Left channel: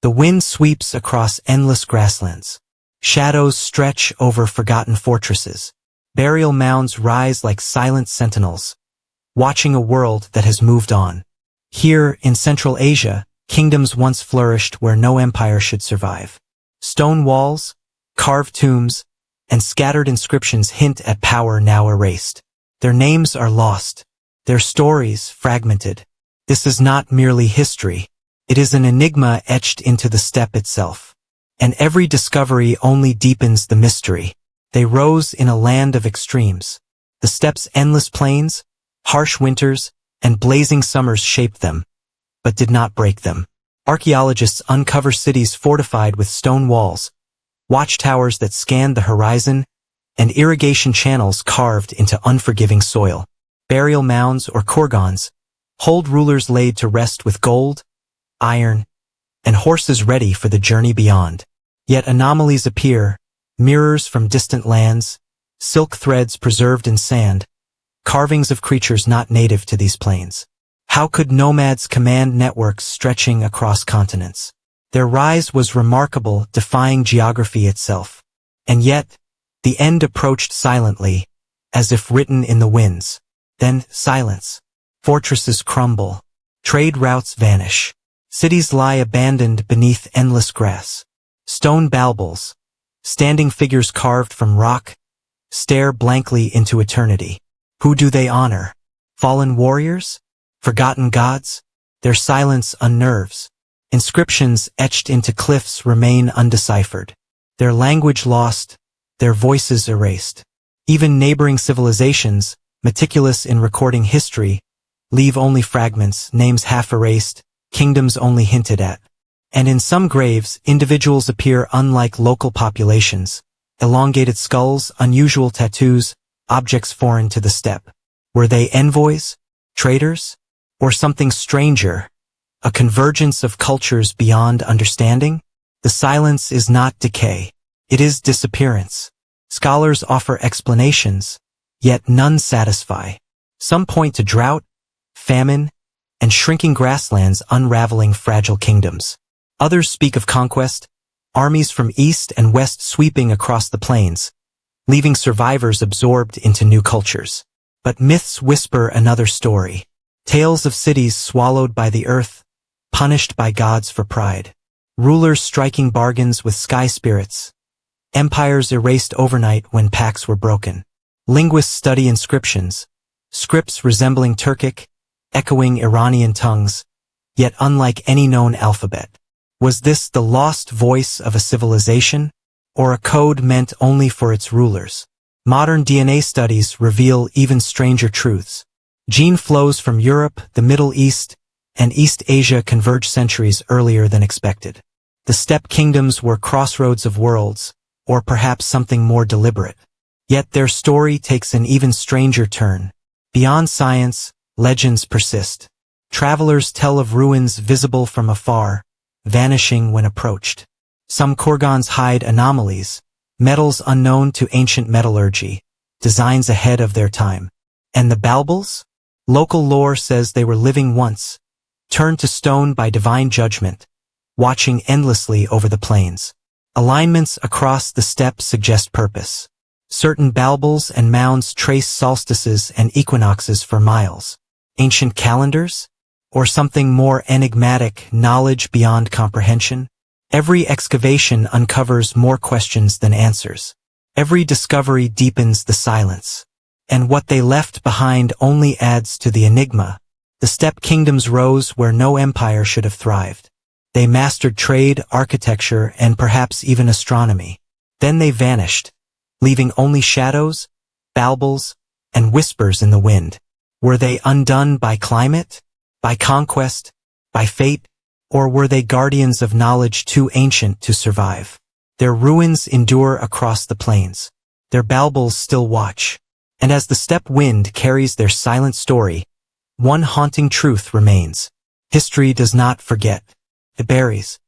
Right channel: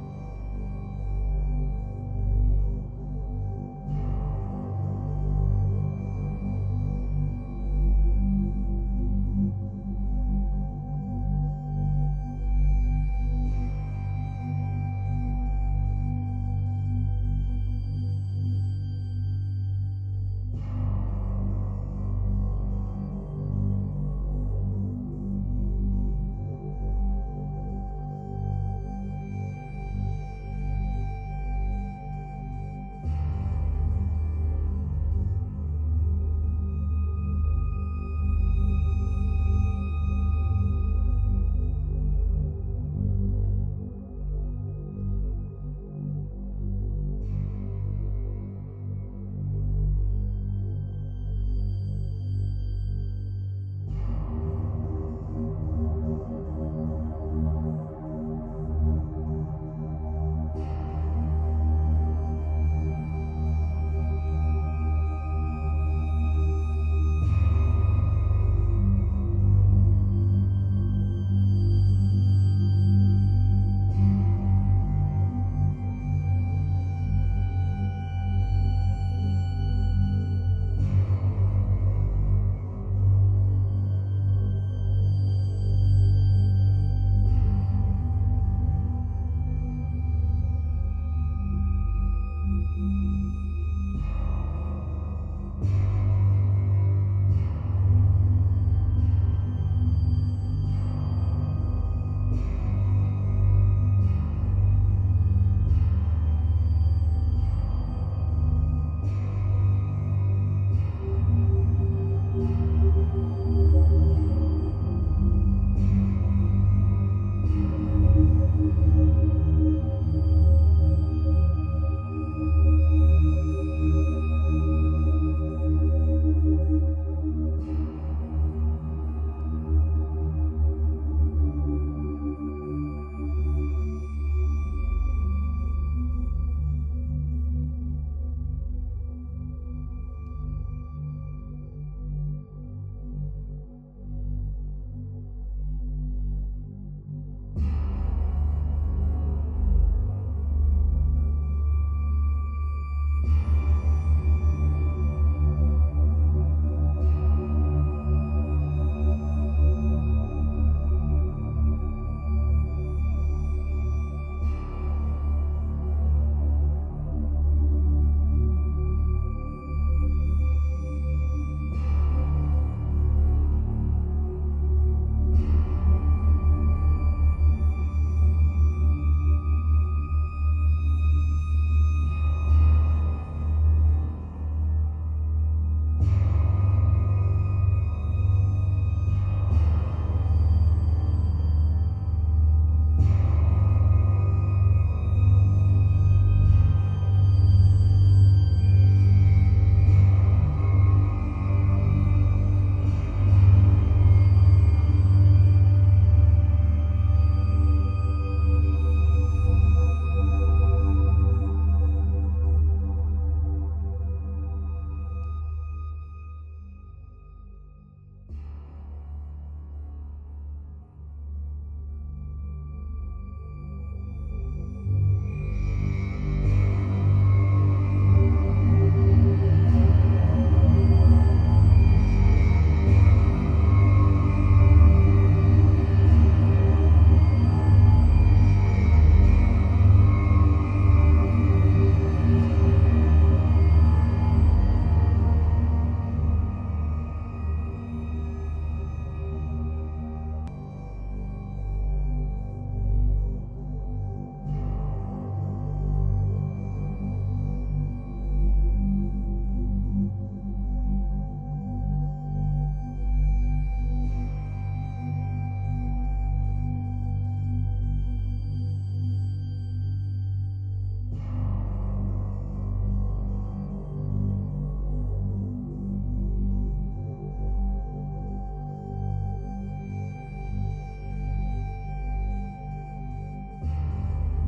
The wind sweeps across endless grasslands. Shadows stretch over forgotten fortresses. Burial mounds rise like silent sentinels, watching a world that has moved on. Here, in Central Asia, kingdoms once flourished where no empire should survive. Stone walls, carved tombs, and scattered inscriptions hint at power now erased. Their names are lost, their stories fragmented. This is not merely history. It is an enigma etched into the steppe itself. And every discovery only deepens the mystery. They rose in a land of extremes. The steppe's endless plains, harsh winters, and blazing summers shaped them, but did not break them. Archaeologists uncover cities fortified with stone walls, watchtowers that scanned the horizon, and irrigation channels carved into unforgiving soil. Burial mounds or kurgans hold rulers laid to rest with gold, iron, and horses ready for the journey beyond. Yet anomalies appear, mirrors from distant lands, silk threads preserved in sand, carvings of creatures not native to these plains. How could nomads command networks stretching across continents? Their rise was remarkable, defying geography itself. And yet, the end approached silently, as if written in the winds. Then silence. Fortresses crumble. Trade routes vanish. Cities lie abandoned beneath endless grass. Stone balbals, standing figures carved from rock, stare blankly into eternity. Who do they honor? Fallen warriors? Forgotten gods? Their silence unnerves. Inscriptions etched into cliffs remain undeciphered. Their language lost, their voices erased. Even neighboring civilizations, meticulous in recording history, leave only fragments, names half erased, kingdoms only hinted at. And in some graves, individuals appear unlike local populations. Elongated skulls, unusual tattoos, objects foreign to the steppe. Were they envoys? Traders? Or something stranger? A convergence of cultures beyond understanding? The silence is not decay. It is disappearance. Scholars offer explanations, yet none satisfy. Some point to drought, famine, and shrinking grasslands unraveling fragile kingdoms. Others speak of conquest, armies from east and west sweeping across the plains, leaving survivors absorbed into new cultures. But myths whisper another story. Tales of cities swallowed by the earth, punished by gods for pride. Rulers striking bargains with sky spirits. Empires erased overnight when pacts were broken. Linguists study inscriptions, scripts resembling Turkic, echoing Iranian tongues, yet unlike any known alphabet. Was this the lost voice of a civilization, or a code meant only for its rulers? Modern DNA studies reveal even stranger truths. Gene flows from Europe, the Middle East, and East Asia converge centuries earlier than expected. The steppe kingdoms were crossroads of worlds, or perhaps something more deliberate. Yet their story takes an even stranger turn. Beyond science, legends persist. Travelers tell of ruins visible from afar, vanishing when approached. Some kurgans hide anomalies, metals unknown to ancient metallurgy, designs ahead of their time. And the balbals? Local lore says they were living once, turned to stone by divine judgment, watching endlessly over the plains. Alignments across the steppe suggest purpose. Certain balbals and mounds trace solstices and equinoxes for miles. Ancient calendars? Or something more enigmatic, knowledge beyond comprehension? Every excavation uncovers more questions than answers. Every discovery deepens the silence. And what they left behind only adds to the enigma. The steppe kingdoms rose where no empire should have thrived. They mastered trade, architecture, and perhaps even astronomy. Then they vanished, leaving only shadows, balbals, and whispers in the wind. Were they undone by climate, by conquest, by fate, or were they guardians of knowledge too ancient to survive? Their ruins endure across the plains. Their balbals still watch. And as the steppe wind carries their silent story, one haunting truth remains. History does not forget. It buries.